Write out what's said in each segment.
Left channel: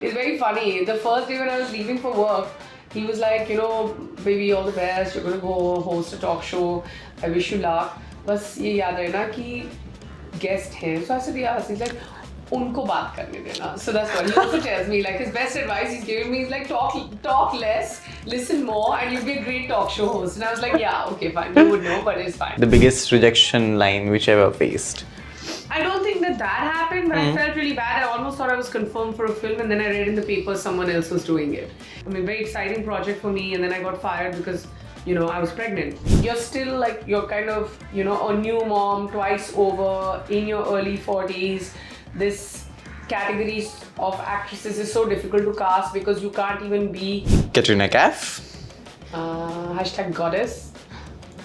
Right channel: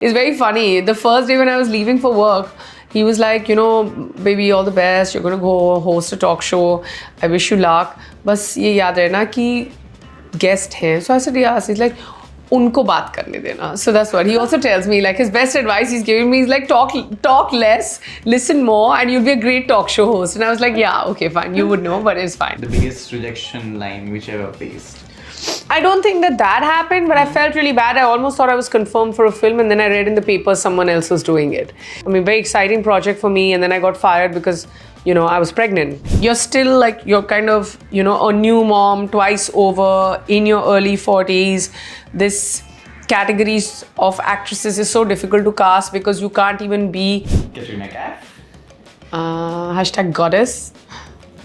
It's very funny. The first day when I was leaving for work, he was like, baby, all the best. You're going to go host a talk show. I wish you luck. बस ये याद रहना कि guest हैं. So I said, yes. He's like, उनको बात करने देना. So that's what he also tells me. Like his best advice he's giving me is like talk less, listen more, and you'll be a great talk show host. And I was like, yeah, okay, fine. You would know, but it's fine. The biggest rejection line which ever faced. I don't think that happened, but I felt really bad. I almost thought I was confirmed for a film, and then I read in the paper someone else was doing it. I mean, very exciting project for me, and then I got fired because, I was pregnant. You're still like, you're kind of, a new mom twice over in your early 40s. This categories of actresses is so difficult to cast because you can't even be Katrina Kaif. #goddess.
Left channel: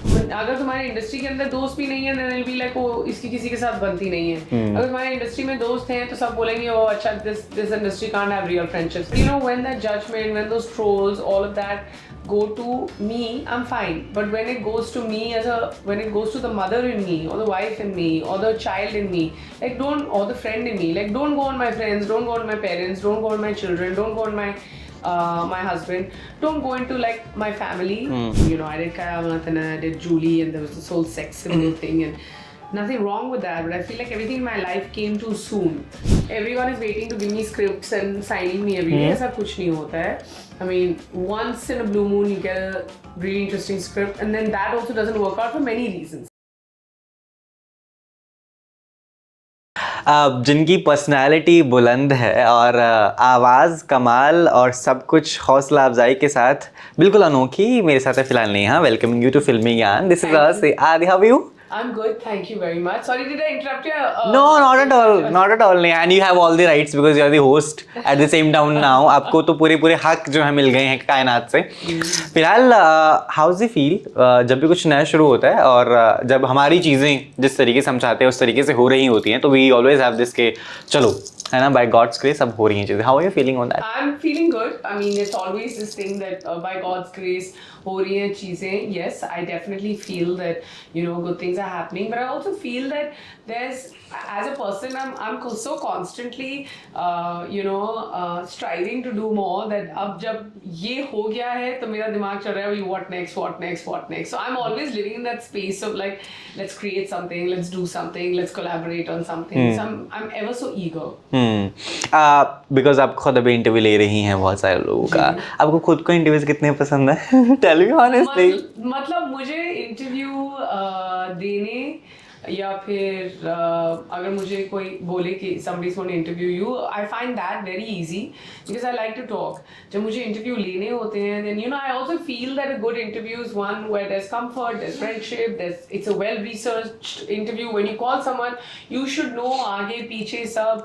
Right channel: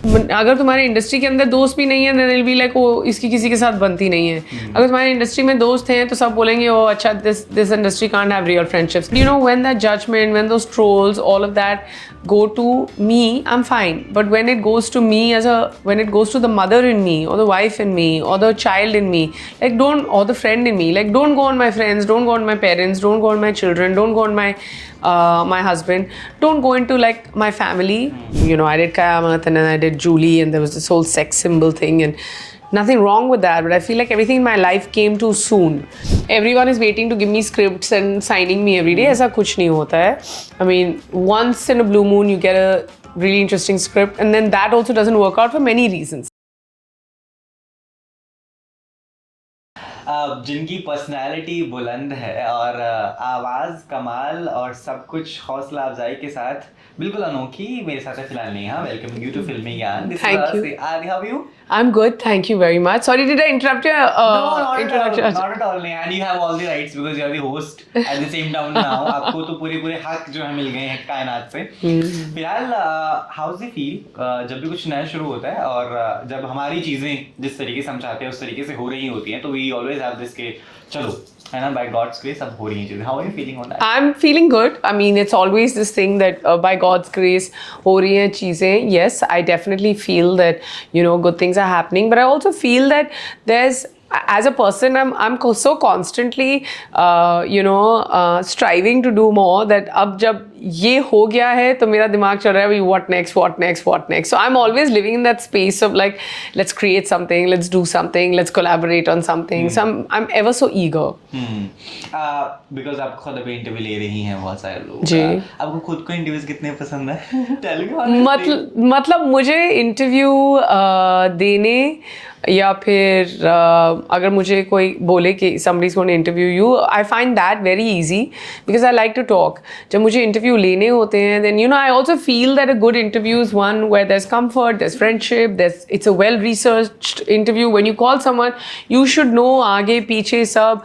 अगर तुम्हारे industry के अंदर दोस्त भी नहीं है then they'll be like, ओ इसकी किसी के साथ बनती नहीं है. अगर तुम्हारे इंडस्ट्री में दोस्त हैं तो सब बोलेंगे ओ अच्छा this industry can't have real friendships. When that judgment, when those trolls, all of that go to me, I'm fine. But when it goes to me when it goes to the mother in me or the wife in me or the child in me, like or the friend in me, like don't go on my friends, don't go on my parents, don't go on my children, don't go on my husband, don't go into like my family. I did Kayamat and then I did Julie and there was this whole sex symbol thing and nothing wrong with that, but I feel like everything in my life came too soon. Everyone is waiting to give me scripts and signing me every day. ऐसा कुछ नहीं होता है. I mean, once in a blue moon you get a really interesting script and then that also doesn't work out for many reasons. जिनकी personality बुलंद है और आवाज़ कमाल और सब कुछ हौसला अफजाई के साथ बिल्कुल अनोखी मेरे साथ है फिलहाल Neha. Welcoming you to Filmigyan. This is us. Aadi, how are you? I'm good, thank you very much. Sorry, did I interrupt you? No, not at all. Not at all. And you have all the rights because you are the host at the same time now. आपको तो पूरे हक जो है मिल गए हैं कायनात से. फिलहाल how does it feel जब भी कुछ नया शुरू होता है और जब हमारी चीज़ें जिस तरीके से हम चाहते हैं उस तरीके से हो रही होती हैं तो we always have this के चलो है ना, by God's grace अब हो रही हैं चीज़ें. How are you feeling on that? I'm feeling good. I mean, it's always this thing that by God's grace हो रही हैं चीज़ें. Yes, I definitely feel that good things are happening, but I also feel that there's, as a person, I'm so constantly striving to do more that अब जब ये हो गया है तो मेरा दिमाग चल रहा है what next. So I'm always living in that space of like, let's create something, let's do something, let's collaborate on something. So I'm ever so eager. Because आप खुद अभी इंटरव्यू ले रही हैं बहुत सारे लोगों का. आपको खुद को इंटरव्यूज कितने पसंद है? Tell me honestly. मतलब मुझे इंटरव्यू देने या फिर अगर मुझे कोई बोले कि somebody's going to interview you, I find that very easy because I like to talk. जब मुझे इंटरव्यू लेने होते हैं then I also feel that a good interview is one where there's comfort, there's friendship, it's a well researched interview. When you call someone you should know आगे पीछे सब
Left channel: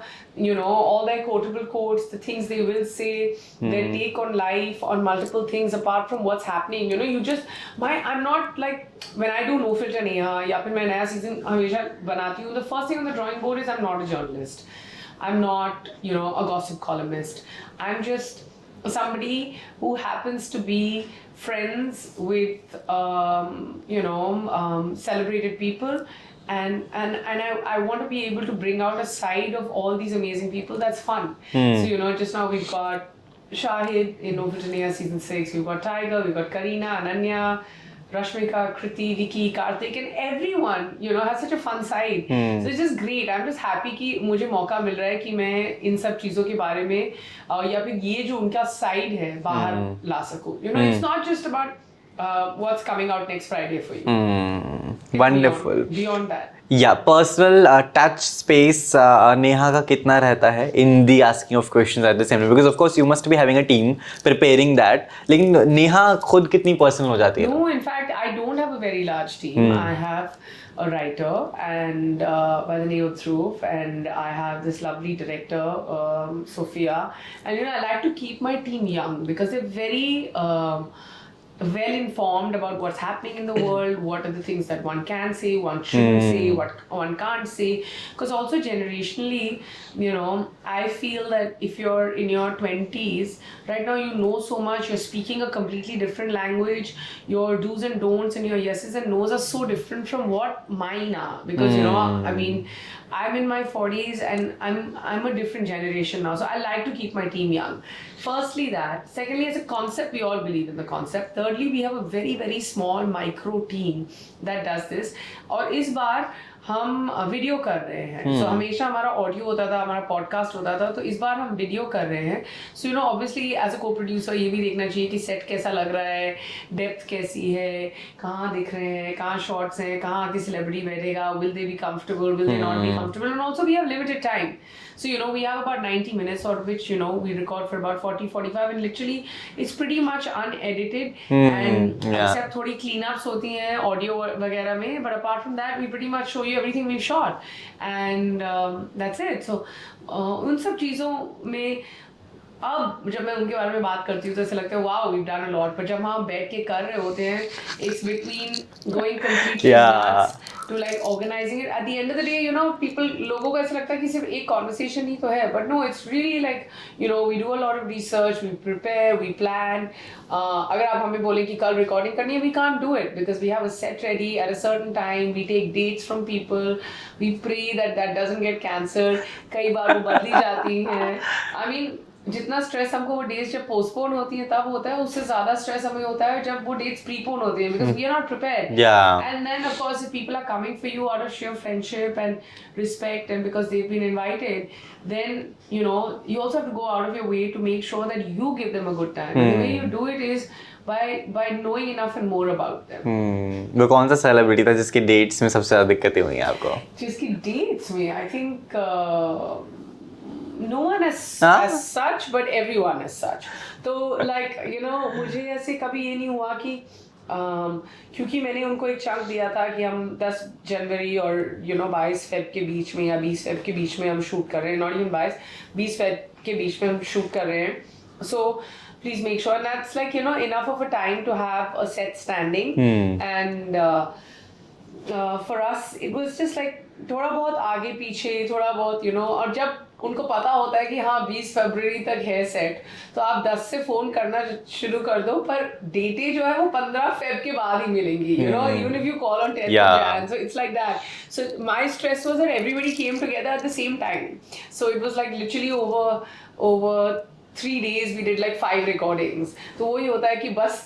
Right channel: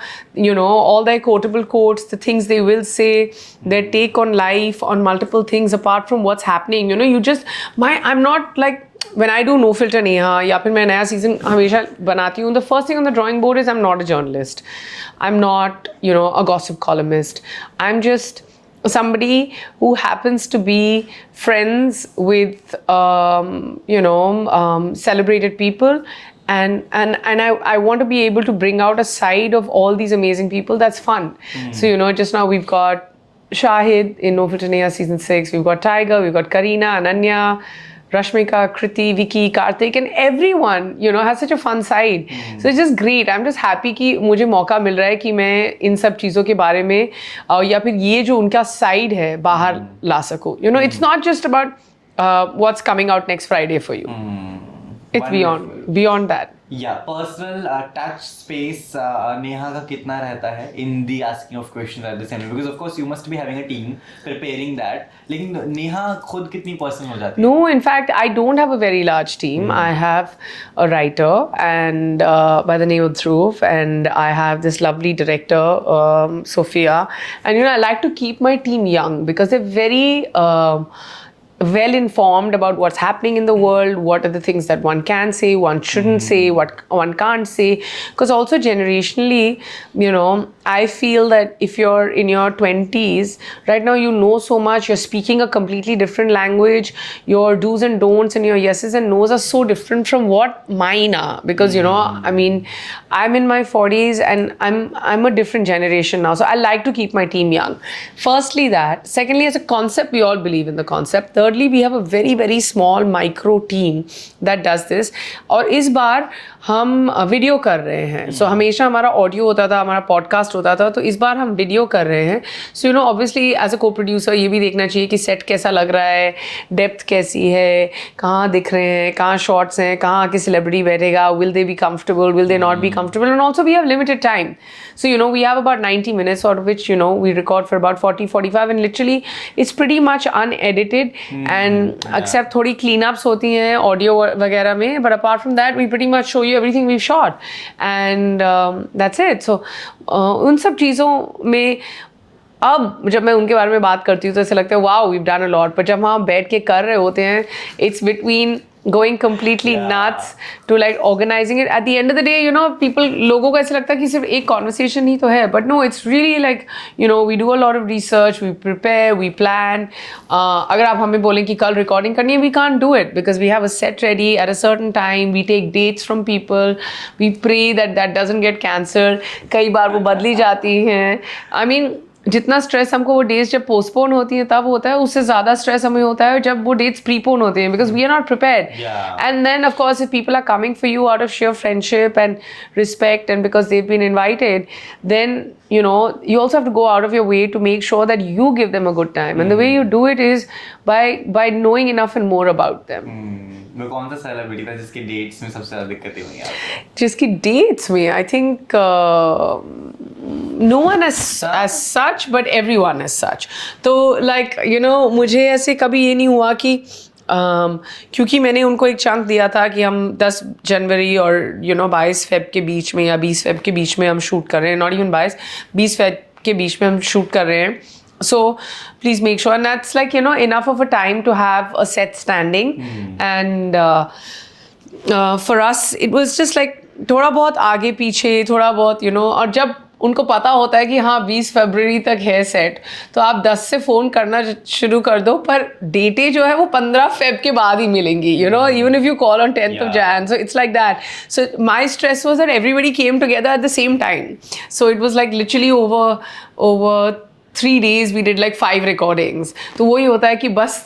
all their quotable quotes, the things they will say, their take on life, on multiple things apart from what's happening. I'm not like when I do No Filter Neha या फिर मैं नया season हमेशा बनाती हूँ, the first thing on the drawing board is I'm not a journalist. I'm not, a gossip columnist. I'm just somebody who happens to be friends with, celebrated people. And I want to be able to bring out a side of all these amazing people that's fun. So, just now we've got Shahid in No Filter Neha season 6. We've got Tiger, we've got Kareena, Ananya, Rashmika, Kriti, Vicky, Karthik, and everyone, has such a fun side. So it's just great. I'm just happy कि मुझे मौका मिल रहा है कि मैं इन सब चीज़ों के बारे में या फिर ये जो उनका side है बाहर ला सकूँ. It's not just about what's coming out next Friday for you. It's Wonderful. Beyond that. Yeah, personal touch space Neha का कितना रहता है in the asking of questions at the same time, because of course you must be having a team preparing that. लेकिन नेहा खुद कितनी personal हो जाती है? No, in fact, I don't have a very large team. I have a writer and by the name of Dhruv, and I have this lovely director, Sophia. And I like to keep my team young because they're very well informed about what's happening in the world, what are the things that one can say, one shouldn't say, what one can't say. Because also generationally, you know, I feel that if you're in your 20s, right now you know so much, you're speaking a completely different language, your do's and don'ts and your yeses and no's are so different from what mine are. Because, you know, I mean, I'm in my 40s and I'm a different generation now. So I like to keep my team young. Firstly that. Secondly, as a concept, we all believe in the concept. Thirdly, we have a very, very small micro team that does this. और इस बार हम video कर रहे हैं. So हमेशा हमारा audio होता था, हमारा पॉडकास्ट होता था, तो इस बार हम वीडियो कर रहे हैं. So you know, obviously as a co-producer ये भी देखना चाहिए कि सेट कैसा लग रहा है, डेप्थ कैसी है, कहाँ दिख रहे हैं, कहाँ शॉट्स हैं, कहाँ आके सेलिब्रिटी बैठेगा, will they be comfortable, will they not be comfortable, and also we have limited time. So, you know, we have about 90 minutes, out of which, you know, we record for about 40-45, and literally it's pretty much unedited, and except थोड़ी cleanups होती हैं audio वगैरह में, but apart from that, we pretty much show you everything we've shot, and that's it. So, उन सब चीज़ों में अब जब मैं उनके बारे में बात करती हूँ तो ऐसा लगता है wow we have done a lot, पर जब हम बैठ के कर रहे होते हैं it's between going completely nuts to like organizing it. At the end of the day, you know, लोगों को ऐसा लगता है कि सिर्फ एक conversation ही तो है, but no, it's really like, you know, we do a lot of research, we prepare, we plan. अगर आप हमें बोलें कि कल recording करनी है, we can't do it because we have a set ready at a certain time, we take dates from people, we pray that that doesn't get cancelled. कई बार वो बदली जाती हैं. I mean, जितना स्ट्रेस हमको वो डेट्स जब पोस्टपोन होती है तब होता है, उससे ज़्यादा स्ट्रेस हमें होता है जब वो डेट्स प्रीपोन होते हैं, because we are not prepared. And then of course if people are coming for you out of share friendship and respect and because they've been invited, then you know, you also have to go out of your way to make sure that you give them a good time. And the way you do it is by knowing enough and more about them. वो कौन सा celebrity था जिसकी dates में सबसे ज़्यादा दिक्कतें हुई हैं आपको? जिसकी डेट्स में I think no one as such, but everyone as such. तो like you know, मुझे ऐसे कभी ये नहीं हुआ कि क्योंकि मैंने उनको एक चंक दिया था कि हम 10 जनवरी और 22 फेब के बीच में या 20 फेब के बीच में हम शूट कर रहे हैं, नॉट इवन 20 फेब के बीच में हम शूट कर रहे हैं. So please make sure, and that's like enough of a time to have a set standing. And for us it was just like थोड़ा बहुत आगे पीछे, थोड़ा बहुत और जब उनको पता होता है कि हाँ 20 फरवरी तक है सेट, तो आप 10 से फ़ोन करना शुरू कर दो, पर डेटें जो है वो 15 फेब के बाद ही मिलेंगी, even if you call on 10th of Jan. So it's like that. So my stress was that everybody came together at the same time. So it was like literally over 3 days we did like 5 recordings. तो वही होता है कि बस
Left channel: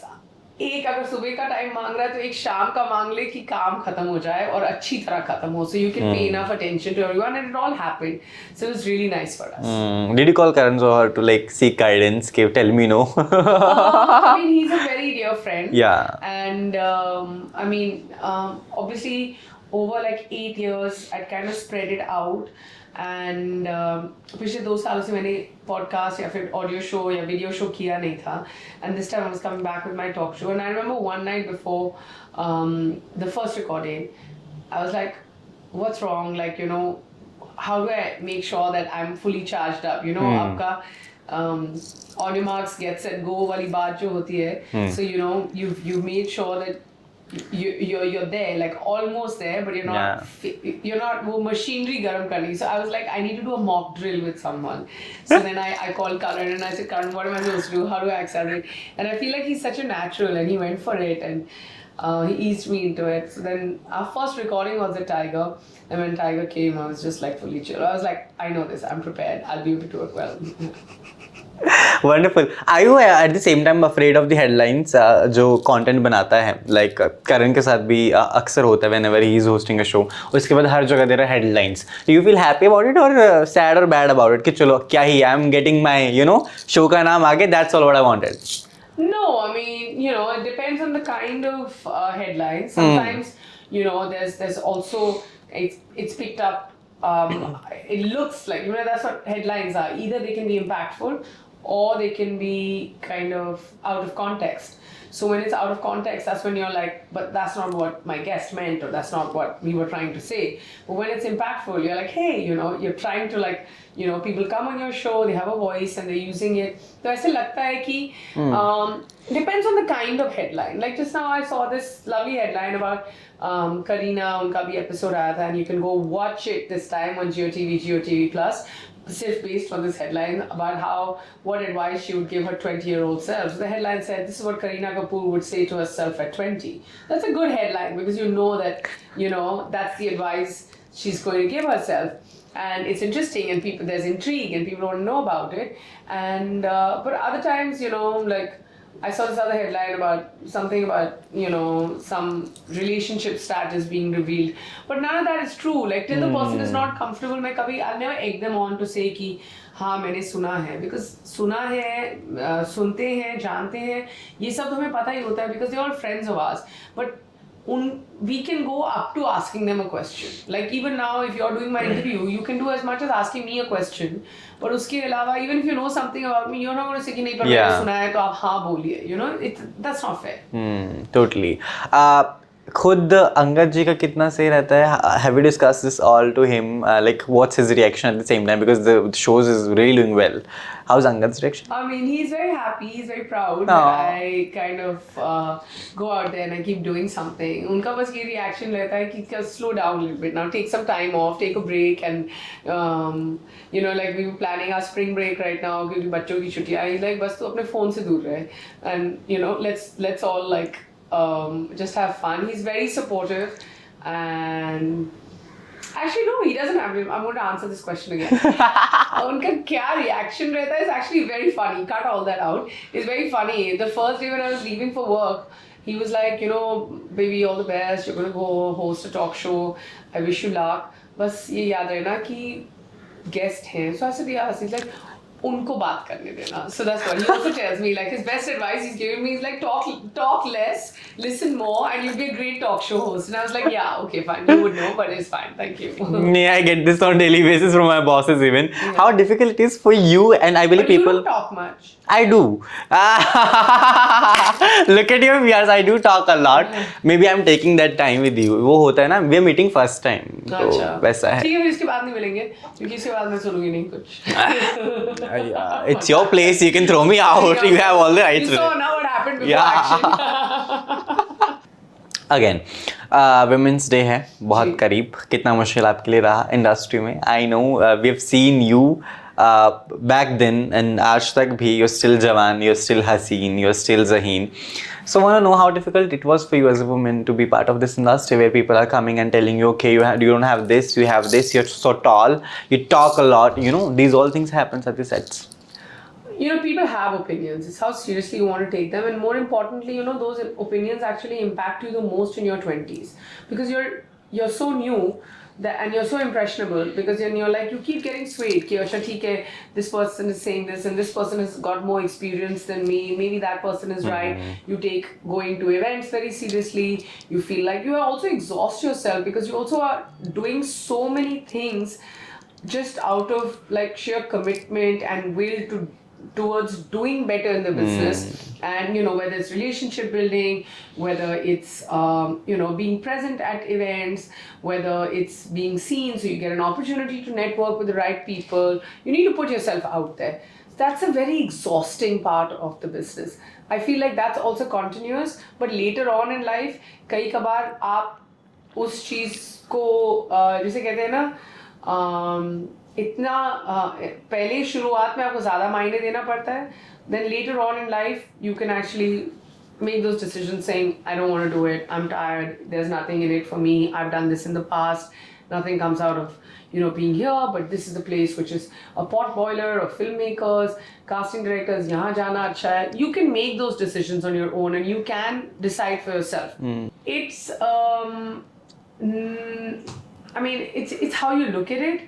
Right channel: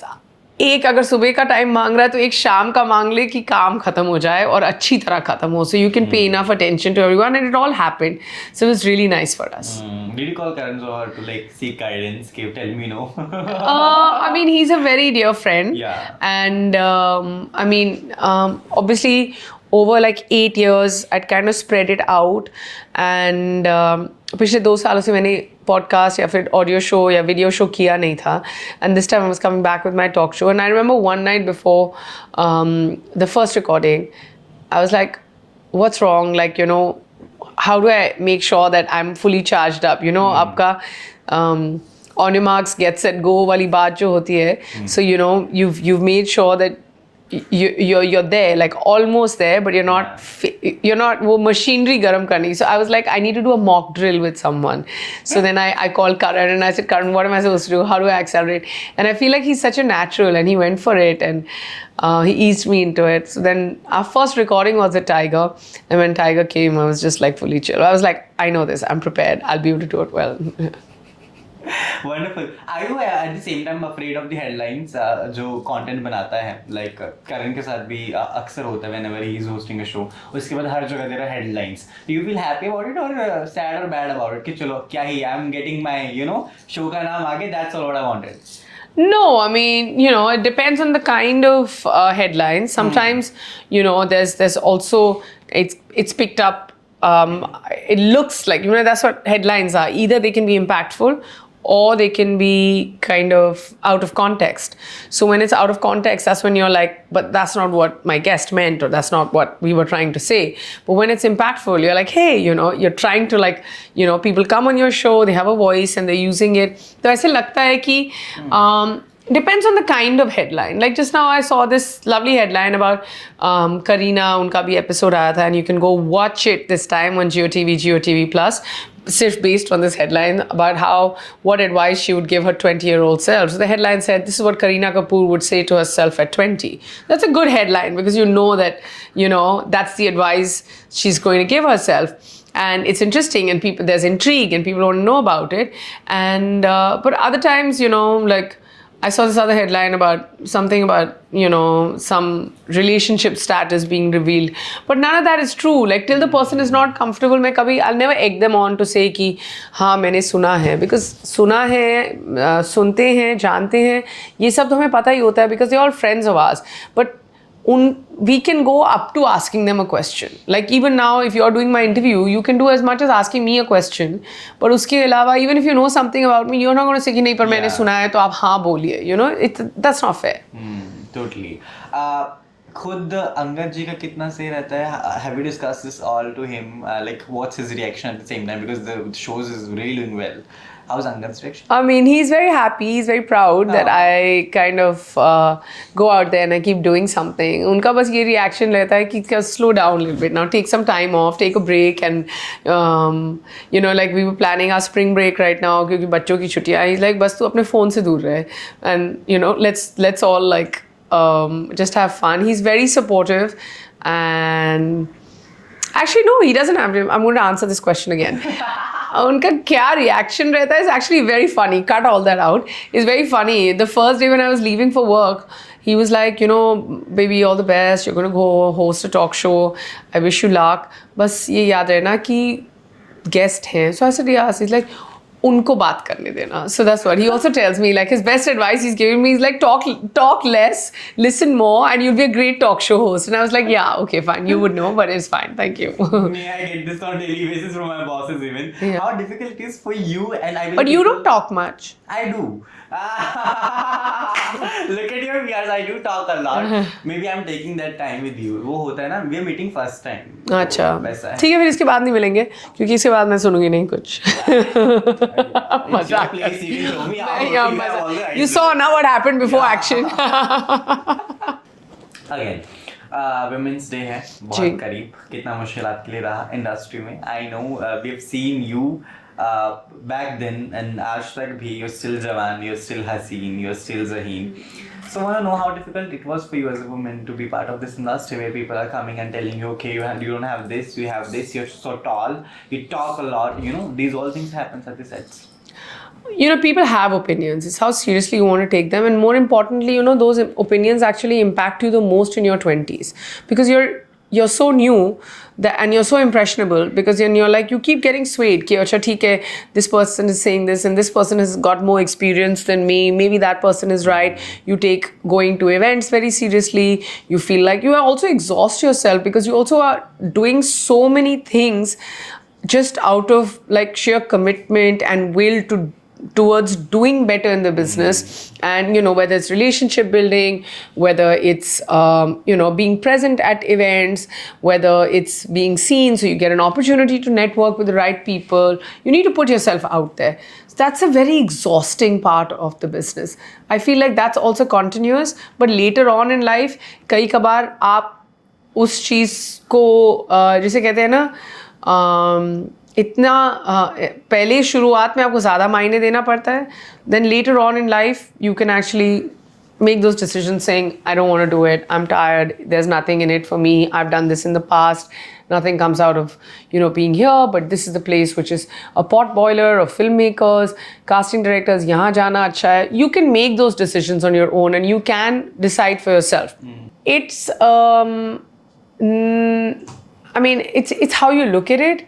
एक अगर सुबह का टाइम मांग रहा है तो एक शाम का मांग ले कि काम खत्म हो जाए और अच्छी तरह खत्म हो, so you can pay enough attention to everyone, and it all happened. So it was really nice for us. Did you call Karan Johar to like seek guidance? Tell me no. I mean, he's a very dear friend. Yeah. And I mean, obviously over like 8 years I'd kind of spread it out, and पिछले 2 सालों से मैंने podcast या फिर audio show या video show किया नहीं था, and this time I was coming back with my talk show. And I remember one night before the first recording I was like, what's wrong, like how do I make sure that I'm fully charged up, आपका on your marks get set go वाली बात जो होती है, so you've made sure that you're there, like almost there, but you're not वो machinery garam karni. So I was like, I need to do a mock drill with someone. So then I called Karan and I said, Karan, what am I supposed to do? How do I accelerate? And I feel like he's such a natural, and he went for it, and he eased me into it. So then our first recording was at Tiger, and when Tiger came, I was just like fully chill. I was like, I know this, I'm prepared, I'll be able to do it well. Wonderful. Are you at the same time afraid of the headlines जो content बनाता है, like करण के साथ भी अक्सर होता है whenever he is hosting a show, और इसके बाद हर जगह दे रहा है headlines. Do you feel happy about it or sad or bad about it कि चलो क्या ही I'm getting my show का नाम आगे, that's all what I wanted? No, I mean, it depends on the kind of headlines. Sometimes, there's also, it's picked up, it looks like, that's what headlines are. Either they can be impactful or they can be kind of out of context. So when it's out of context, that's when you're like, but that's not what my guest meant, or that's not what we were trying to say. But when it's impactful, you're like, hey, you're trying to like, people come on your show, they have a voice and they're using it. So ऐसे लगता है कि Depends on the kind of headline. Like just now I saw this lovely headline about Kareena, unka bhi episode aaya tha, and you can go watch it this time on GeoTV Plus, just based on this headline about what advice she would give her 20-year-old self. So the headline said, this is what Kareena Kapoor would say to herself at 20. That's a good headline because you know that, that's the advice she's going to give herself. And it's interesting, and there's intrigue, and people want to know about it. And but other times, like I saw this other headline about something about, some relationship status being revealed. But none of that is true. Like till the person is not comfortable, I'll never egg them on to say कि हाँ मैंने सुना है. Because सुना है, सुनते हैं, जानते हैं, ये सब तो हमें पता ही होता है because they're all friends of ours. But we can go up to asking them a question. Like even now, if you're doing my interview, you can do as much as asking me a question. But उसके अलावा, even if you know something about me, you're not going to say कि नहीं पर मैंने सुना है तो आप हाँ बोलिए. That's not fair. Totally. खुद अंगद जी का कितना सही रहता है? Have you discussed this all to him? Like what's his reaction at the same time? Because the shows is really doing well. How's Angad's reaction? I mean, he's very happy. He's very proud that I kind of go out there and I keep doing something. उनका बस ये reaction रहता है कि slow down a little bit now, take some time off, take a break, and like we were planning our spring break right now क्योंकि बच्चों की छुट्टियाँ. He's like बस तू अपने phone से दूर रहे, and let's all like just have fun. He's very supportive, and actually no, he doesn't have to. I'm going to answer this question again. उनका क्या reaction रहता है is actually very funny. Cut all that out. It's very funny. The first day when I was leaving for work, he was like, baby, all the best. You're going to go host a talk show. I wish you luck. बस ये याद रहना कि guest हैं. So I said yes. He's like, उनको बात करने देना. So that's what he also tells me. Like his best advice he's giving me is like talk less, listen more, and you'll be a great talk show host. And I was like, yeah, okay, fine. You would know, but it's fine. Thank you. Yeah, I get this on daily basis from my bosses even. Yeah. How difficult it is for you, and I believe but you don't talk much. I do. Look at your viewers. I do talk a lot. Maybe I'm taking that time with you. वो होता है ना. We're meeting first time. अच्छा. वैसा है. ठीक है फिर इसके बाद नहीं मिलेंगे क्योंकि इसके बाद मैं सुनूंगी नहीं कुछ. Yeah, it's your place. You can throw me out. You have all the rights. You saw now what happened before action. Again, Women's Day है बहुत करीब. कितना मुश्किल आपके लिए रहा इंडस्ट्री में? I know we have seen you back then and आज तक भी. You're still Jawan, you're still Haseen, you're still Zaheen. So I want to know how difficult it was for you as a woman to be part of this industry where people are coming and telling you, okay, you don't have this, you have this, you're so tall, you talk a lot, these all things happens at the sets. People have opinions. It's how seriously you want to take them. And more importantly, those opinions actually impact you the most in your 20s. Because you're so new and you're so impressionable because you're like, you keep getting swayed. Ki, acha, theek hai, this person is saying this and this person has got more experience than me. Maybe that person is right. You take going to events very seriously. You feel like you also exhaust yourself because you also are doing so many things just out of like sheer commitment and will towards doing better in the business. And whether it's relationship building, whether it's being present at events, whether it's being seen so you get an opportunity to network with the right people, you need to put yourself out there. So that's a very exhausting part of the business. I feel like that's also continuous, but later on in life कई कबार आप उस चीज़ को जिसे कहते हैं ना इतना पहले शुरुआत में आपको ज़्यादा मायने देना पड़ता है. Then later on in life, you can actually make those decisions saying, I don't want to do it, I'm tired, there's nothing in it for me, I've done this in the past, nothing comes out of, being here, but this is the place which is a pot boiler of filmmakers, casting directors, yahan jana acha hai. You can make those decisions on your own and you can decide for yourself. It's, it's how you look at it.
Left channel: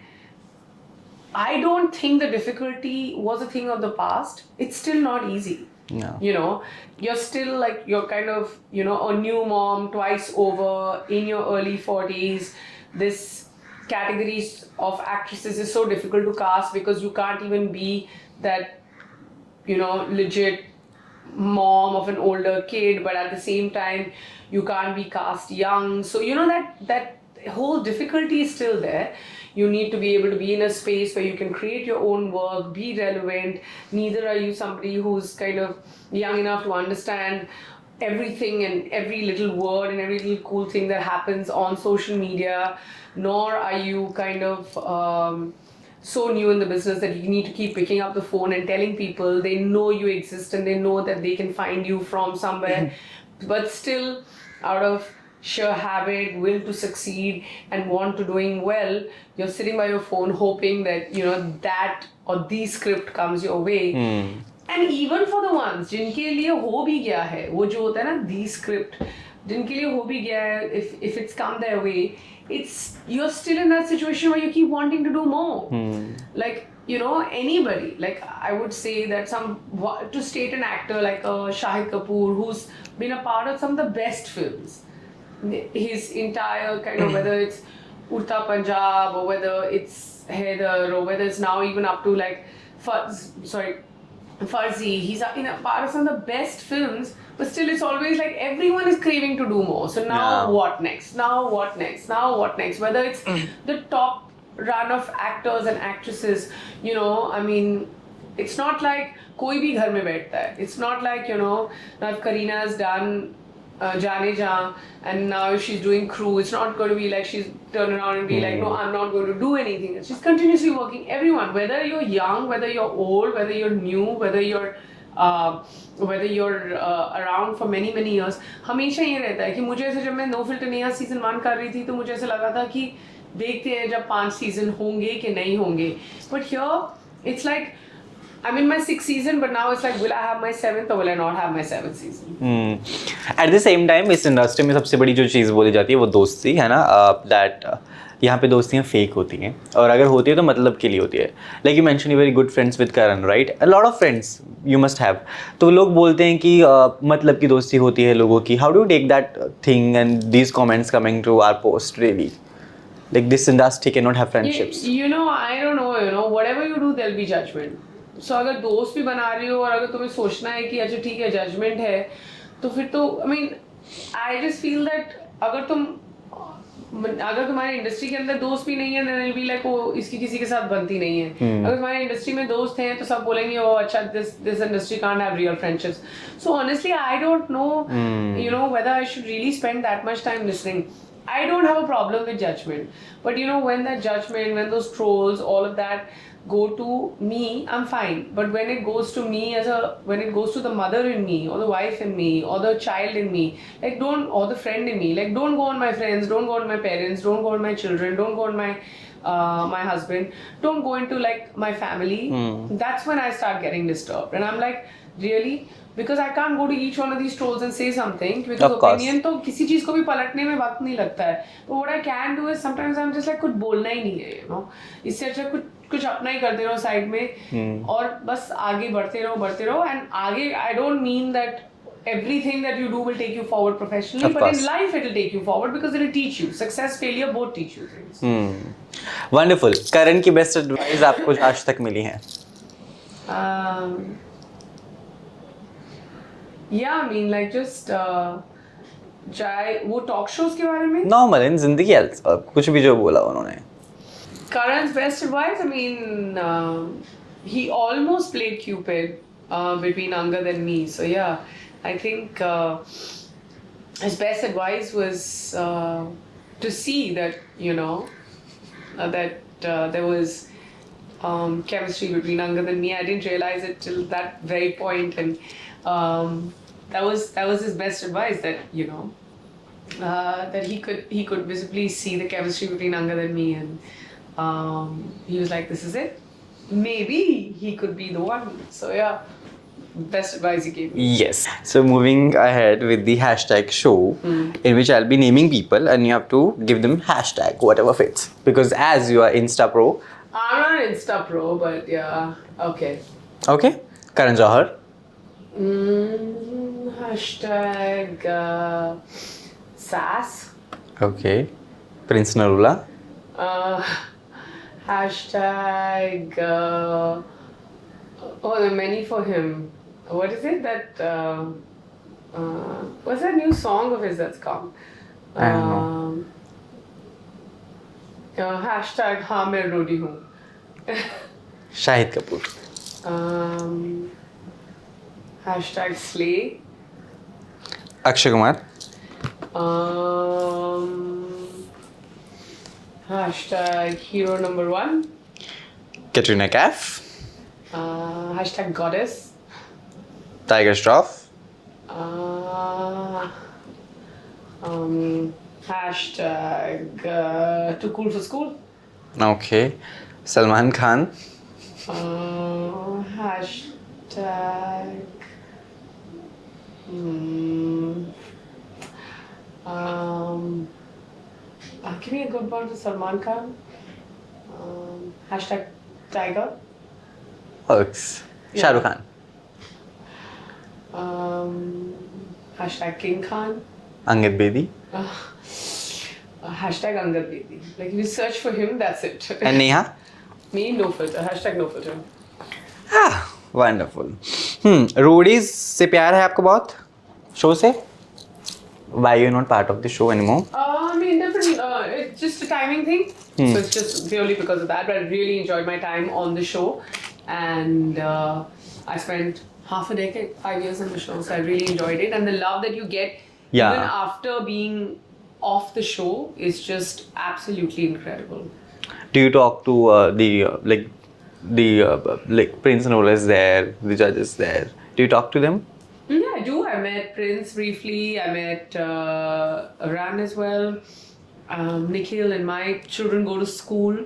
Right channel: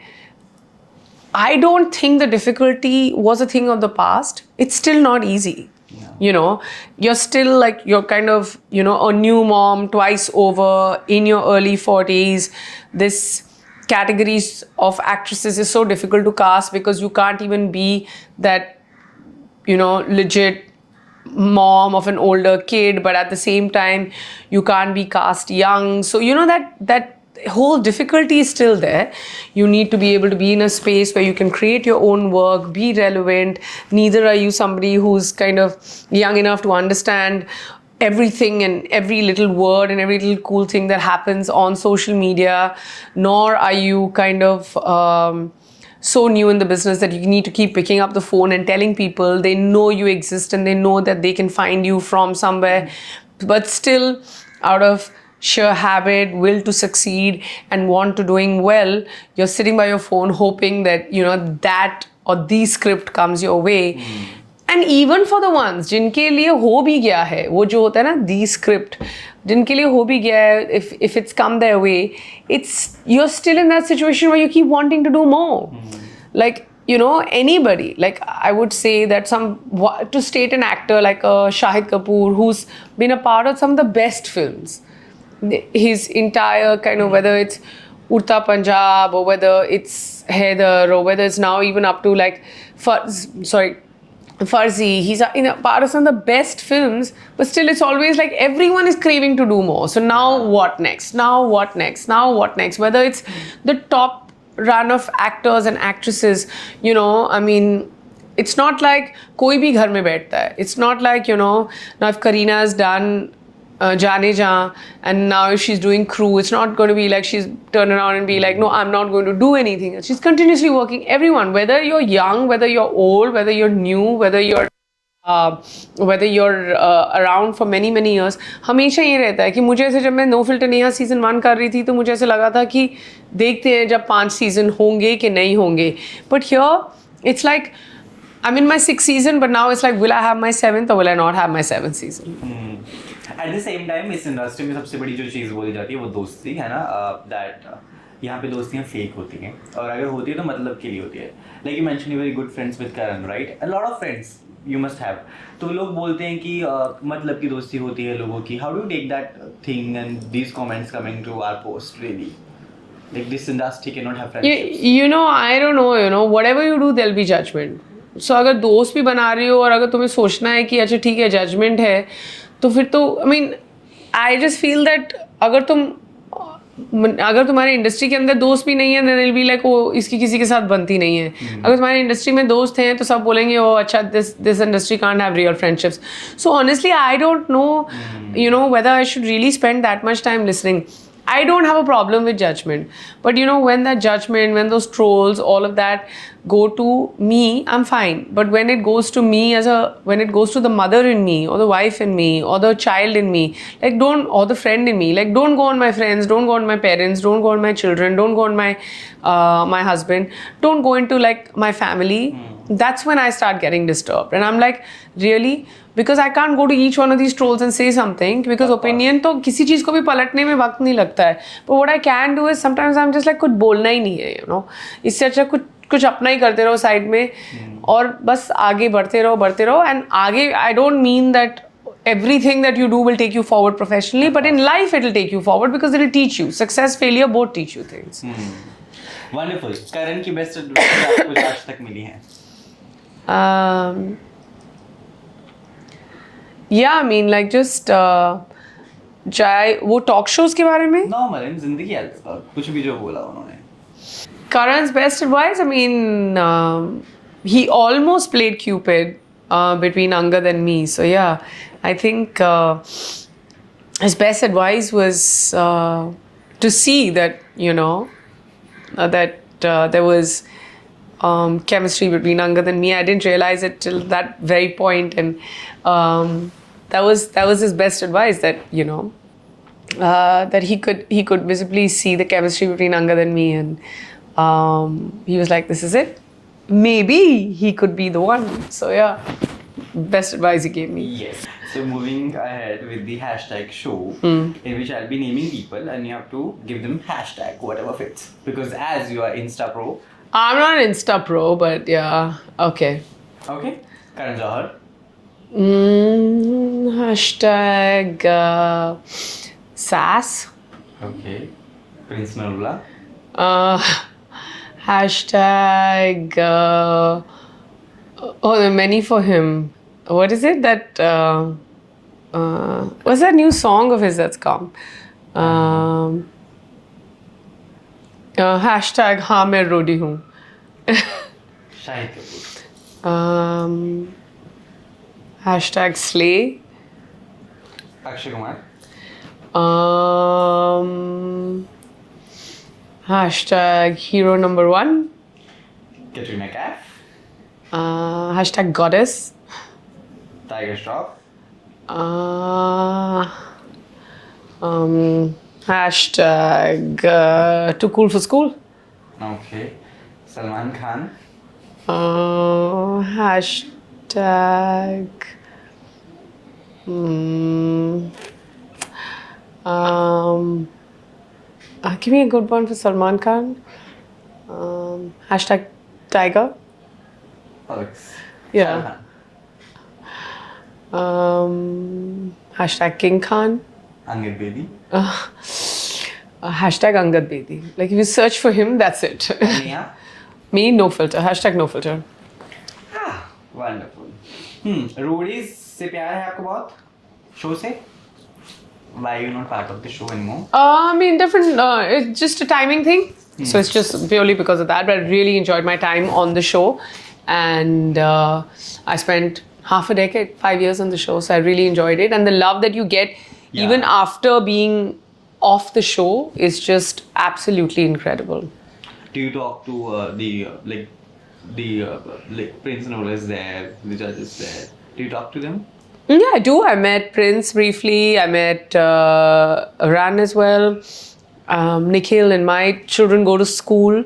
I don't think the difficulty was a thing of the past. It's still not easy. No. You're still like, you're kind of, a new mom twice over in your early 40s. This categories of actresses is so difficult to cast because you can't even be that, legit mom of an older kid, but at the same time, you can't be cast young. So, that the whole difficulty is still there. You need to be able to be in a space where you can create your own work, be relevant. Neither are you somebody who's kind of young enough to understand everything and every little word and every little cool thing that happens on social media, nor are you kind of so new in the business that you need to keep picking up the phone and telling people. They know you exist and they know that they can find you from somewhere, but still out of sheer habit, will to succeed and want to doing well, you're sitting by your phone hoping that that or the script comes your way. And even for the ones जिनके लिए हो भी गया है वो जो होता है ना the script, जिनके लिए हो भी गया है, if it's come their way, it's you're still in that situation where you keep wanting to do more. Like anybody, like I would say that to state an actor like Shahid Kapoor, who's been a part of some of the best films, his entire kind of, whether it's Urta Punjab or whether it's Heather or whether it's now even up to like Farzi, he's in a part of some of the best films, but still it's always like everyone is craving to do more. So now what next? Now what next? Now what next? Whether it's the top run of actors and actresses, I mean, it's not like koi bhi ghar mein baithta hai. It's not like, now if Kareena has done Jaane Jaan and now if she's doing Crew, it's not going to be like she's turn around and be like, no, I'm not going to do anything. She's continuously working. Everyone, whether you're young, whether you're old, whether you're new, whether you're around for many years, हमेशा ये रहता है कि मुझे ऐसे जब मैं no filter Neha season 1 कर रही थी तो मुझे ऐसे लगा था कि देखते हैं जब 5 सीजन होंगे कि नहीं होंगे. But here it's like I'm in my 6th season, but now it's like, will I have my 7th or will I not have my 7th season? At the same time, इस industry में सबसे बड़ी जो चीज़ बोली जाती है वो दोस्ती है ना, that यहाँ पे दोस्तियाँ फेक होती हैं और अगर होती है तो मतलब के लिए होती है. Like you mentioned, you're very good friends with Karan, right? A lot of friends you must have. तो लोग बोलते हैं कि मतलब की दोस्ती होती है लोगों की. How do you take that thing and these comments coming to our post really? Like this industry cannot have friendships. I don't know, whatever you do, there'll be judgment. So अगर दोस्त भी बना रही हो और अगर तुम्हें सोचना है कि अच्छा ठीक है जजमेंट है तो फिर तो I just feel that अगर तुम्हारे इंडस्ट्री के अंदर दोस्त भी नहीं है then it'll be like वो इसकी किसी के साथ बनती नहीं है. अगर तुम्हारे इंडस्ट्री में दोस्त हैं तो सब बोलेंगे ओ अच्छा this industry can't have real friendships. So honestly I don't know whether I should really spend that much time listening. I don't have a problem with judgment, but when that judgment, when those trolls, all of that go to me, I'm fine. But when it goes to me when it goes to the mother in me, or the wife in me, or the child in me, like or the friend in me, like don't go on my friends, don't go on my parents, don't go on my children, don't go on my husband, don't go into like my family. That's when I start getting disturbed, and I'm like, really? Because I can't go to each one of these trolls and say something because opinion तो किसी चीज़ को भी पलटने में वक्त नहीं लगता है. But what I can do is sometimes I'm just like कुछ बोलना ही नहीं है, इससे अच्छा कुछ अपना ही करते रहो साइड में और बस आगे बढ़ते रहो and आगे I don't mean that everything that you do will take you forward professionally, but in life it will take you forward because it will teach you. Success, failure, both teach you things. Wonderful. Karan की best advice आपको आज तक मिली है? Yeah, like just चाहे वो talk shows के बारे में नॉर्मल इन जिंदगी कुछ भी जो बोला उन्होंने. Karan's best advice, he almost played Cupid between Angad and me. So yeah, I think his best advice was to see that that there was chemistry between Angad and me. I didn't realize it till that very point, and that was his best advice, that that he could visibly see the chemistry between Angad and me, and he was like, this is it, maybe he could be the one. So yeah, best advice he gave me. Yes. So moving ahead with the hashtag show, in which I'll be naming people and you have to give them hashtag whatever fits, because as you are Insta pro. I'm not an Insta pro, but yeah, okay. Karan Johar. Hashtag sass. Okay. Prince Narula. Hashtag there are many for him. What is it that what's that new song of his that's come? Hashtag हाँ मैं रोडी हूँ. Shahid Kapoor. Hashtag slay. Akshay Kumar. Hashtag hero number 1. Katrina Kaif. Hashtag goddess. Tiger Shroff. Hashtag too cool for school. Okay. Salman Khan. Hashtag give me a good one for Salman Khan. Hashtag Tiger. हक्स. Yeah. Shahrukh Khan. Hashtag King Khan. Angad Bedi. Hashtag Angad Bedi. Like if you search for him, that's it. And Neha. Me, no filter. Hashtag no filter. Wonderful. Roadies से प्यार है आपको बहुत show से? Why you're not part of the show anymore? I mean, different. It's just a timing thing. So it's just purely because of that. But I really enjoyed my time on the show, and I spent half a decade, 5 years on the show. So I really enjoyed it, and the love that you get even after being off the show is just absolutely incredible. Do you talk to the Prince Nola is there, the judges there? Do you talk to them? Yeah, I do. I met Prince briefly. I met Ran as well. Nikhil and my children go to school,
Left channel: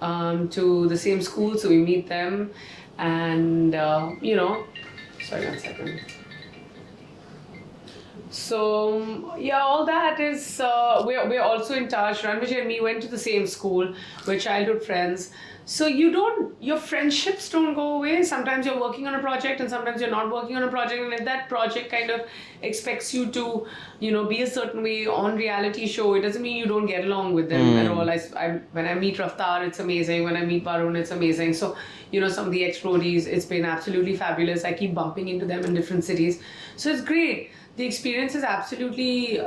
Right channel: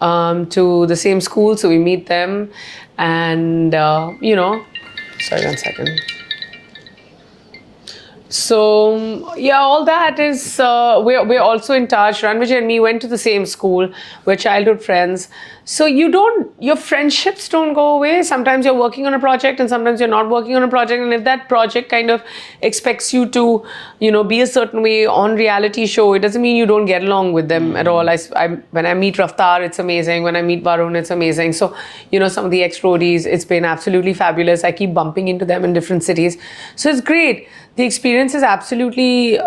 to the same school, so we meet them. And, sorry, 1 second. So, yeah, all that is, we're also in touch. Ranvijay and me went to the same school. We're childhood friends. So your friendships don't go away. Sometimes you're working on a project and sometimes you're not working on a project. And if that project kind of expects you to, be a certain way on reality show, it doesn't mean you don't get along with them at all. When I meet Raftar, it's amazing. When I meet Varun, it's amazing. So, some of the ex-roadies, it's been absolutely fabulous. I keep bumping into them in different cities. So it's great. The experience is absolutely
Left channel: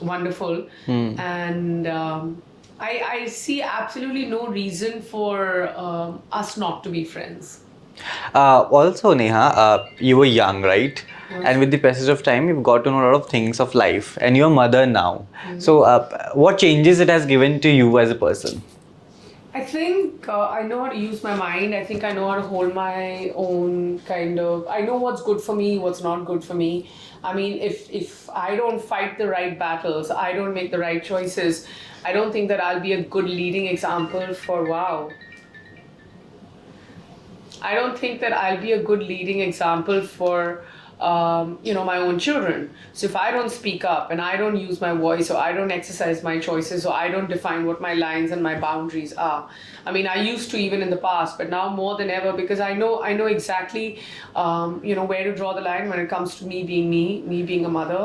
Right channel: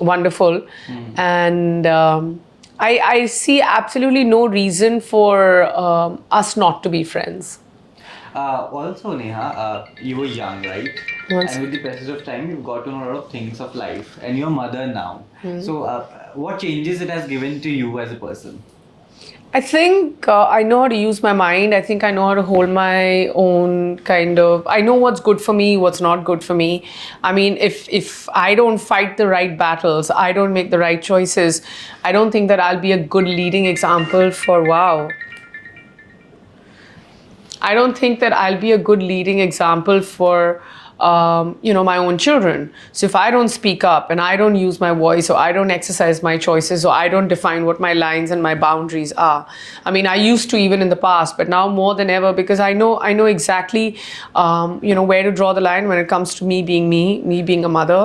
wonderful. And I see absolutely no reason for us not to be friends. Also, Neha, you were young, right? Yes. And with the passage of time, you've got to know a lot of things of life. And you're a mother now. So, what changes it has given to you as a person? I think I know how to use my mind. I think I know how to hold my own kind of... I know what's good for me, what's not good for me. I mean, if I don't fight the right battles, I don't make the right choices, I don't think that I'll be a good leading example for... Wow. I don't think that I'll be a good leading example for... my own children. So if I don't speak up and I don't use my voice, or I don't exercise my choices, or I don't define what my lines and my boundaries are. I mean, I used to even in the past, but now more than ever, because I know exactly, where to draw the line when it comes to me being a mother,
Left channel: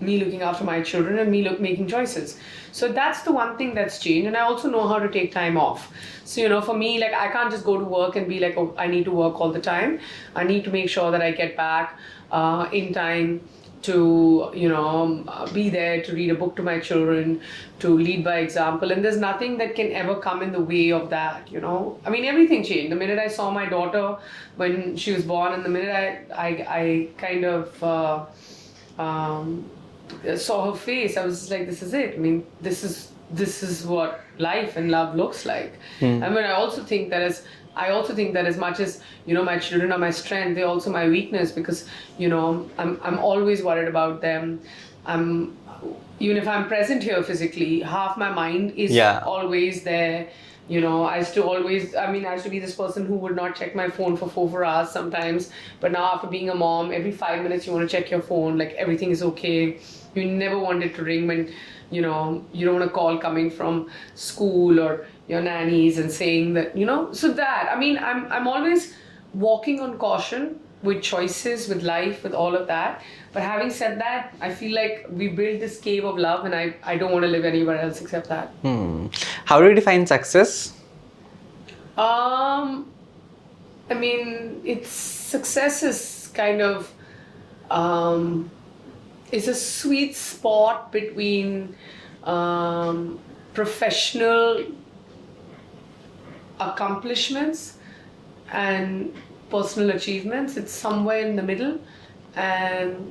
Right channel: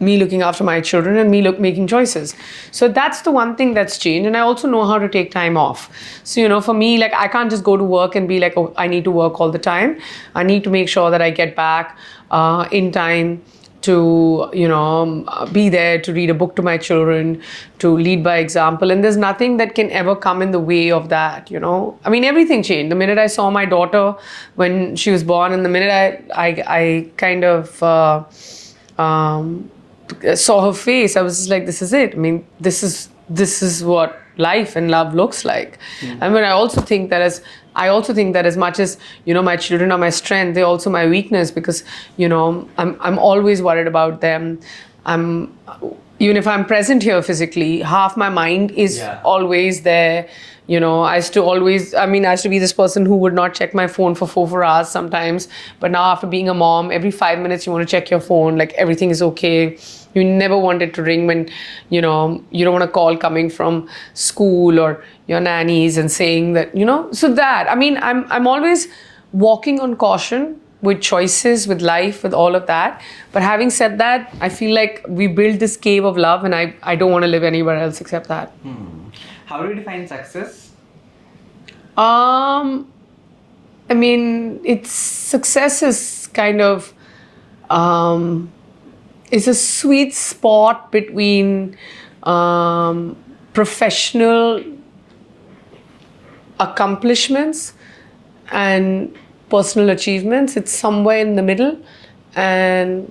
me looking after my children, and me making choices. So that's the one thing that's changed. And I also know how to take time off. So, for me, like, I can't just go to work and be like, oh, I need to work all the time. I need to make sure that I get back in time to, be there to read a book to my children, to lead by example. And there's nothing that can ever come in the way of that, I mean, everything changed. The minute I saw my daughter when she was born, and the minute I kind of saw her face, I was just like, this is it. I mean, this is what life and love looks like. I mean, I also think that as much as, my children are my strength, they're also my weakness, because, I'm always worried about them. Even if I'm present here physically, half my mind is always there. I used to be this person who would not check my phone for 4 hours sometimes. But now, after being a mom, every 5 minutes you want to check your phone, like everything is okay. You never want it to ring when, you don't want a call coming from school or your nannies and saying that, so that, I mean, I'm always walking on caution with choices, with life, with all of that. But having said that, I feel like we built this cave of love, and I don't want to live anywhere else except that. How do you define success? I mean, success is kind of, it's a sweet spot between professional accomplishments and personal achievements. It's somewhere in the middle. And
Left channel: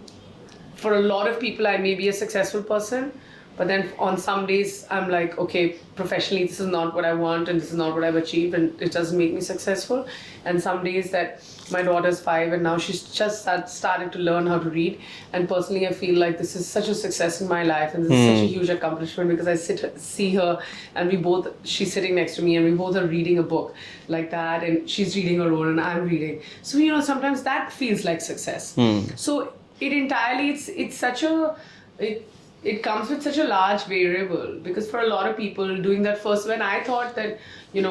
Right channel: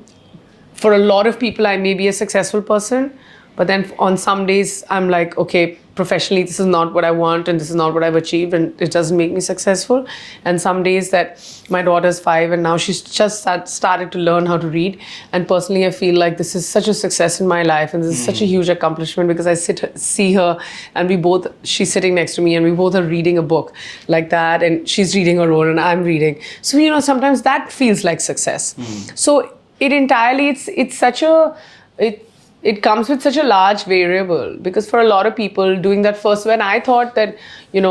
for a lot of people, I may be a successful person, but then on some days I'm like, okay, professionally this is not what I want and this is not what I've achieved and it doesn't make me successful. And some days that my daughter's 5 and now she's just started to learn how to read, and personally I feel like this is such a success in my life and this is such a huge accomplishment because I see her and she's sitting next to me and we both are reading a book like that, and she's reading her own and I'm reading. So sometimes that feels like success. So it entirely, it's such a, it comes with such a large variable, because for a lot of people doing that first, when I thought that, when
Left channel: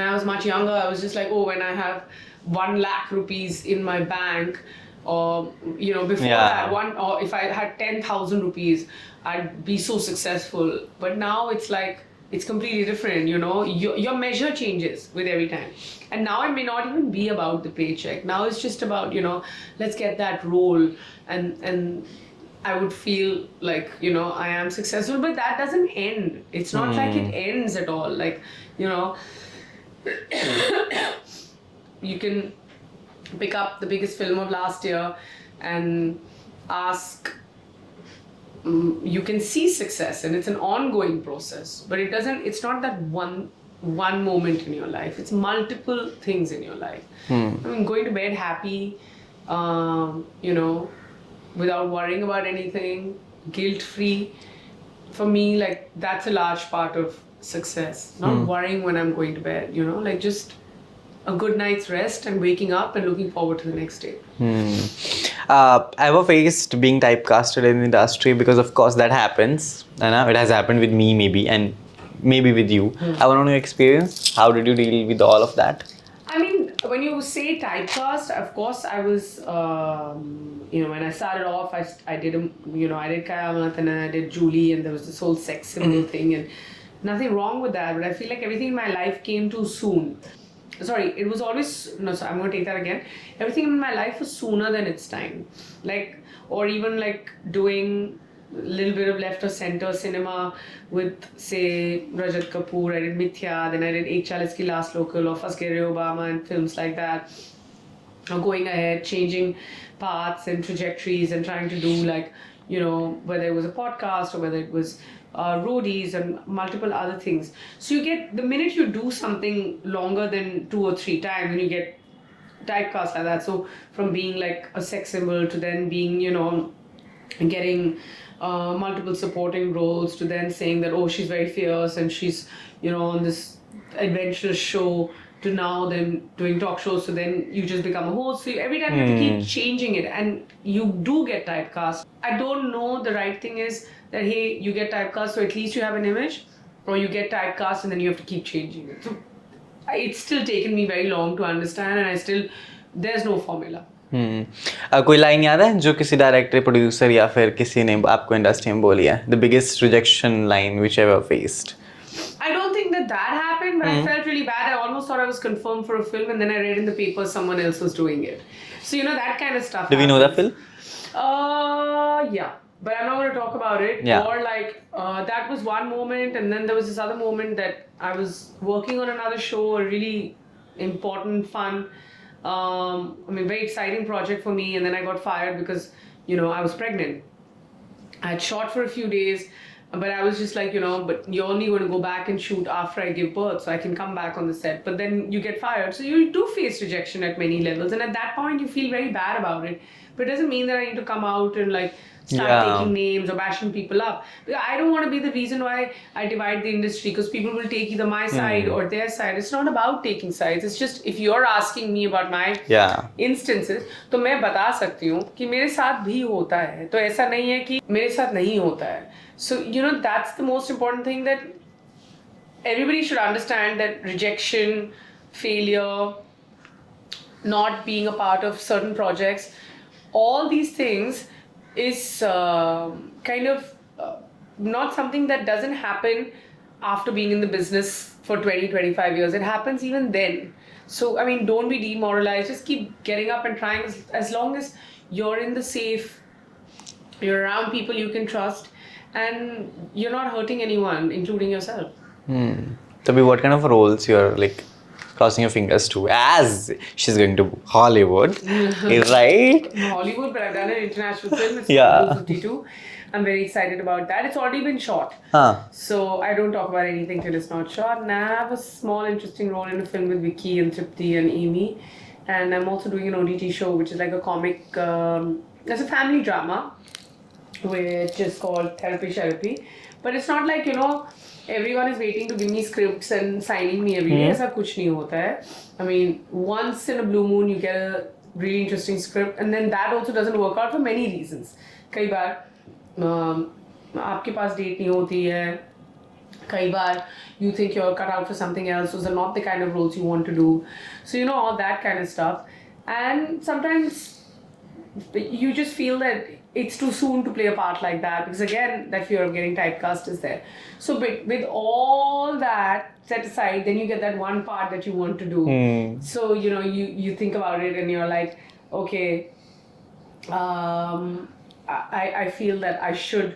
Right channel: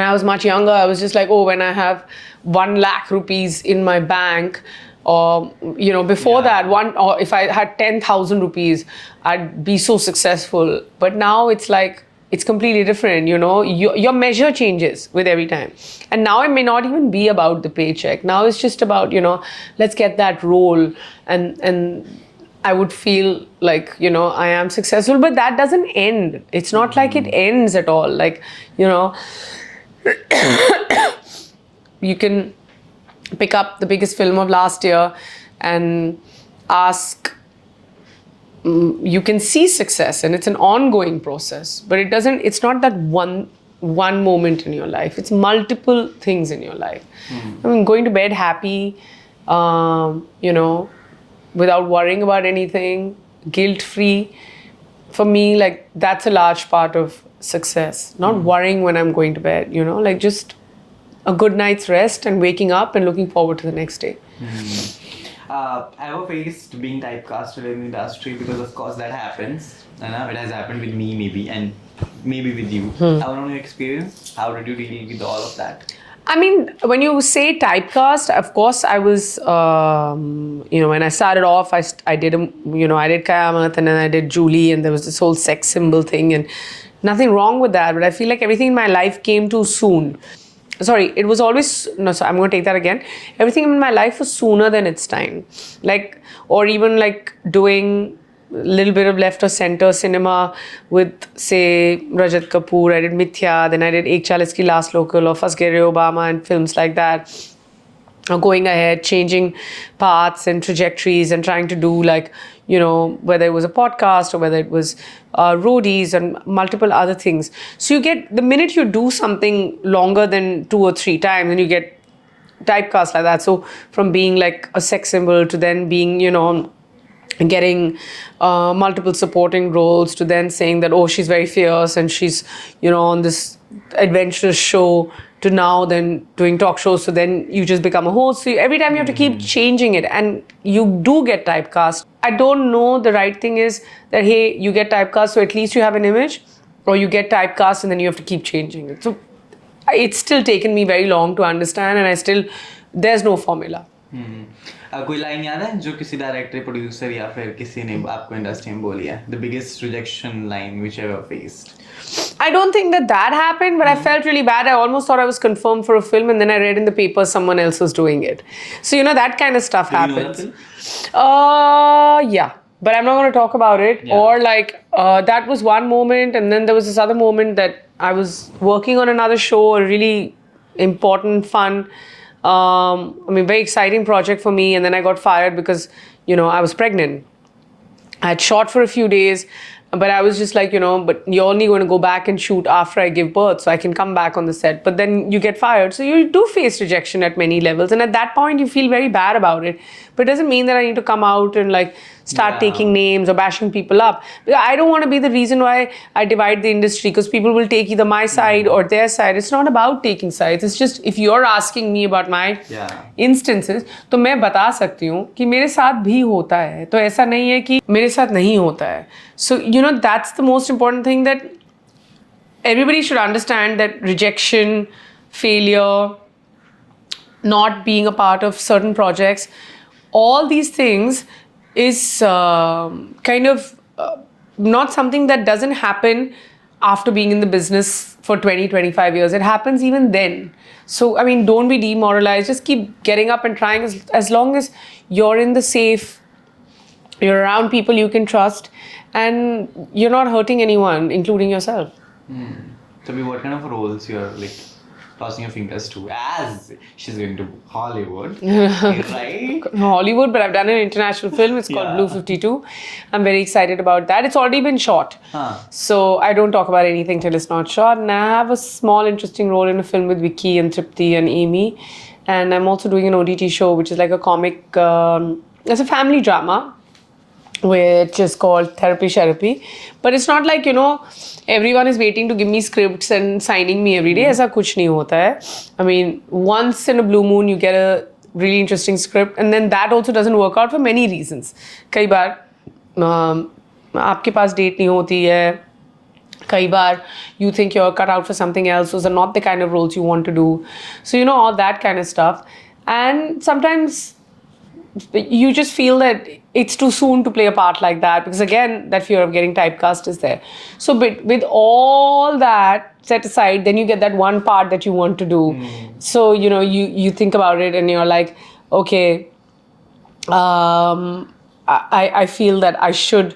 I was much younger, I was just like, oh, when I have 1 lakh rupees in my bank, or, before that, or if I had 10,000 rupees, I'd be so successful. But now it's like, it's completely different, your measure changes with every time. And now it may not even be about the paycheck. Now it's just about, let's get that role, and I would feel like, I am successful, but that doesn't end. It's not like it ends at all. Like, you can pick up the biggest film of last year and ask, you can see success and it's an ongoing process, but it's not that one moment in your life. It's multiple things in your life. I mean, going to bed happy, without worrying about anything, guilt-free. For me, like, that's a large part of success. Not worrying when I'm going to bed, like just a good night's rest and waking up and looking forward to the next day. Ever faced being typecasted in the industry? Because of course that happens. It has happened with me maybe, and maybe with you. I want to know your experience. How did you deal with all of that? I mean, when you say typecast, of course, I was, when I started off, I did Kayamat, and then I did Julie, and there was this whole sex symbol thing, and nothing wrong with that, but I feel like everything in my life came too soon. Sorry, it was always, I'm going to take that again. Everything in my life was sooner than its time. Like, or even like doing little bit of left or center cinema with, say, Rajat Kapoor. I did Mithya, then I did Ek Chalis Ki Last Local or Fas Gaye Obama and films like that. Or going ahead, changing paths and trajectories and trying to do like, whether it was a podcast or whether it was roadies and multiple other things. So you get, the minute you do something longer than 2 or 3 times, and you get typecast like that. So from being like a sex symbol to then being, getting multiple supporting roles, to then saying that, oh, she's very fierce and she's, on this adventurous show, to now then doing talk shows. So then you just become a host. So every time you have to keep changing it, and you do get typecast. I don't know, the right thing is that, hey, you get typecast, so at least you have an image, or you get typecast and then you have to keep changing it. So it's still taken me very long to understand, and there's no formula. कोई line याद है जो किसी director, producer या फिर किसी ने आपको इंडस्ट्री में बोली है? The biggest rejection line which you ever faced? I don't think that happened, but I felt really bad. I almost thought I was confirmed for a film, and then I read in the paper someone else was doing it. So, that kind of stuff happens. Do we know that film? Yeah. But I'm not going to talk about it. Yeah. Or like, that was one moment, and then there was this other moment that I was working on another show, a really important, fun, very exciting project for me, and then I got fired because, I was pregnant. I had shot for a few days, but I was just like, but you're only going to go back and shoot after I give birth, so I can come back on the set. But then you get fired. So you do face rejection at many levels. And at that point, you feel very bad about it. But it doesn't mean that I need to come out and like start taking names or bashing people up. I don't want to be the reason why I divide the industry, because people will take either my side or their side. It's not about taking sides. It's just, if you're asking me about my instances, तो मैं बता सकती हूँ कि मेरे साथ भी होता है. तो ऐसा नहीं है कि मेरे साथ नहीं होता है. So, that's the most important thing, that everybody should understand that rejection, failure, not being a part of certain projects, all these things is kind of not something that doesn't happen after being in the business for 20, 25 years. It happens even then. So, don't be demoralized. Just keep getting up and trying, as long as you're in the safe, you're around people you can trust, and you're not hurting anyone, including yourself. So, what kind of roles you're like crossing your fingers to, as she's going to Hollywood, right? Hollywood, but I've done an international film. It's called Yeah. Blue 52. I'm very excited about that. It's already been shot. Huh. So I don't talk about anything till it's not shot. And I have a small interesting role in a film with Vicky and Tripti and Amy. And I'm also doing an OTT show, which is like a comic, it's a family drama, which is called Therapy. But it's not like, everyone is waiting to give me scripts and signing me every day. ऐसा कुछ नहीं होता है. I mean, once in a blue moon you get a really interesting script, and then that also doesn't work out for many reasons. कई बार आपके पास date नहीं होती है. कई बार you think you're cut out for something else. Those are not the kind of roles you want to do. So all that kind of stuff. And sometimes you just feel that it's too soon to play a part like that, because again that fear of getting typecast is there. So with all that set aside, then you get that one part that you want to do. So you think about it and you're like, okay, I feel that I should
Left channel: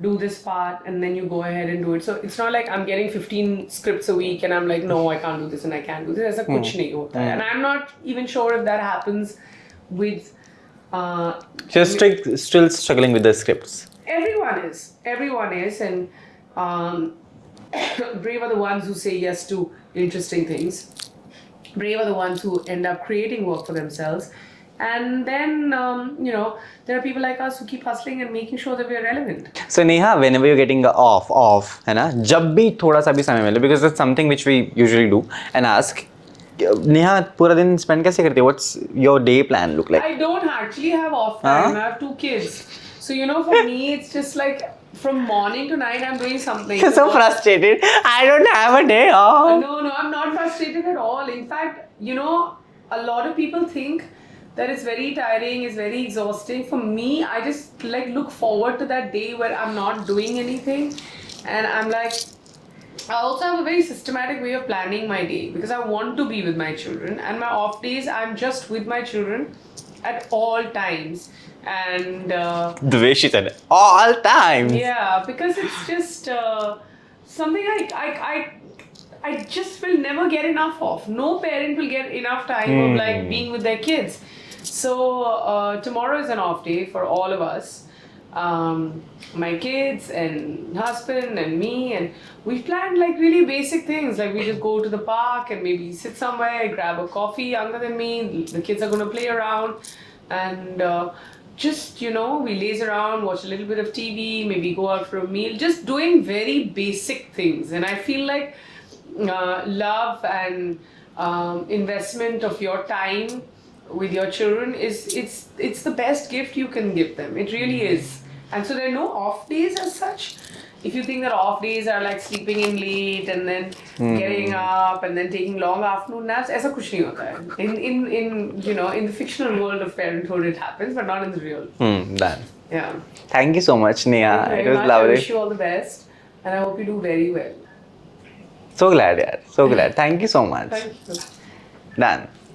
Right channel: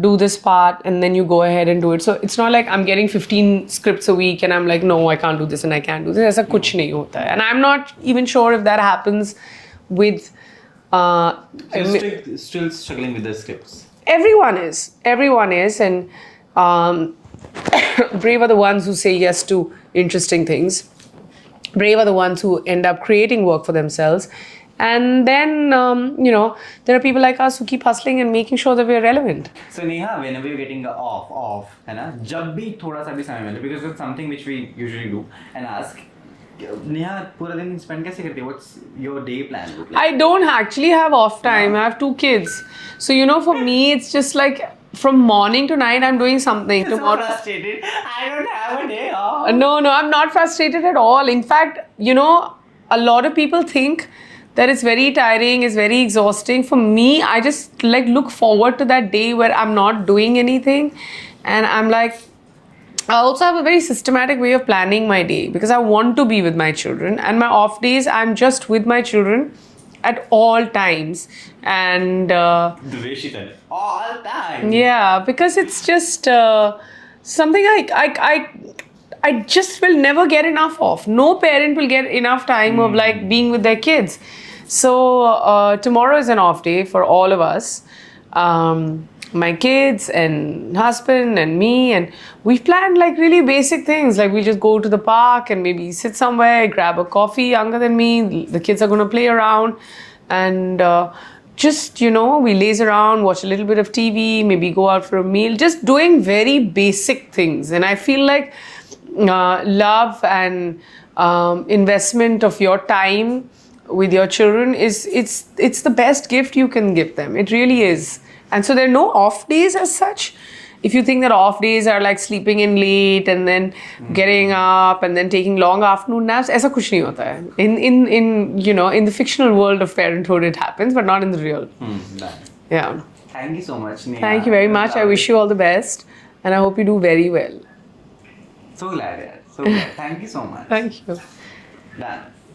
do this part, and then you go ahead and do it. So it's not like I'm getting 15 scripts a week and I'm like, no, I can't do this and I can't do this. ऐसा कुछ नहीं होता है. And I'm not even sure if that happens with Just still struggling with the scripts. Everyone is, and brave are the ones who say yes to interesting things. Brave are the ones who end up creating work for themselves. And then, there are people like us who keep hustling and making sure that we're relevant. So Neha, whenever you're getting off, है ना, जब भी थोड़ा सा भी समय मिले, because that's something which we usually do and ask. Neha, पूरा दिन spend कैसे करती है? What's your day plan look like? I don't actually have off time. I have 2 kids. So, for me, it's just like from morning to night, I'm doing something. So frustrated. I don't have a day off. No, I'm not frustrated at all. In fact, a lot of people think that it's very tiring, it's very exhausting. For me, I just look forward to that day where I'm not doing anything. And I'm like, I also have a very systematic way of planning my day, because I want to be with my children, and my off days I'm just with my children at all times. And the way she said it, all times. Yeah, because it's just something I just will never get enough of. No parent will get enough time of being with their kids. So tomorrow is an off day for all of us. My kids and husband and me, and we've planned really basic things, like we just go to the park and maybe sit somewhere, grab a coffee. Younger than me, the kids are going to play around, and just we laze around, watch a little bit of TV, maybe go out for a meal, just doing very basic things. And I feel like love and investment of your time with your children it's the best gift you can give them. It really is. And so there are no off days as such. If you think that off days are like sleeping in late and then getting up and then taking long afternoon naps, ऐसा कुछ नहीं होता है. In the fictional world of parenthood it happens, but not in the real. Done. Yeah. Thank you so much, Neha. Thank you very much. I wish you all the best, and I hope you do very well. So glad, yaar. So glad. Thank you so much. Thank you. Done.